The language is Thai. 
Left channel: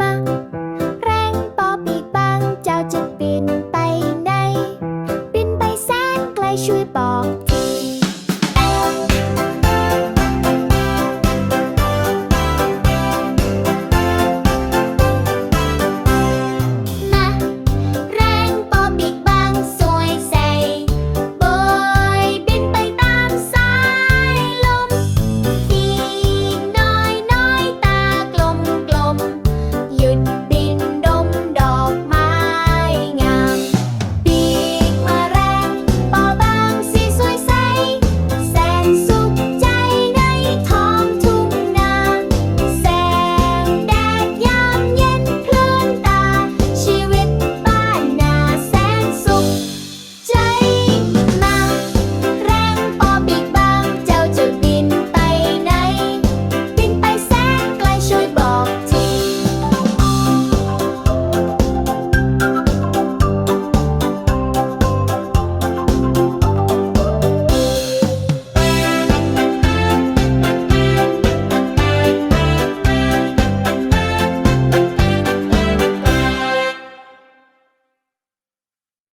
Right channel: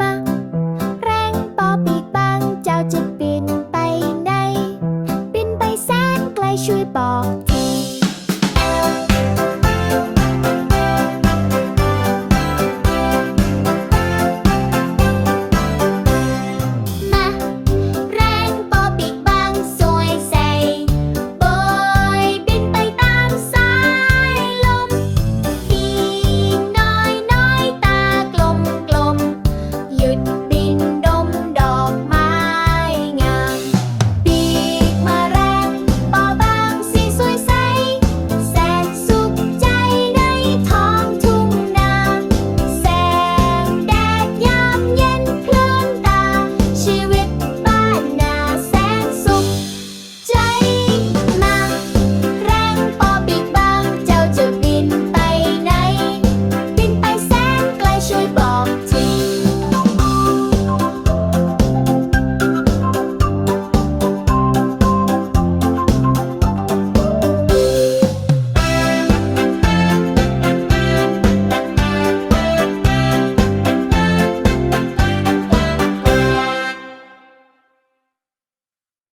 มา แรงปอปีกบางเจ้าจะบินไปไหน บินไปแสนไกลช่วยบอกที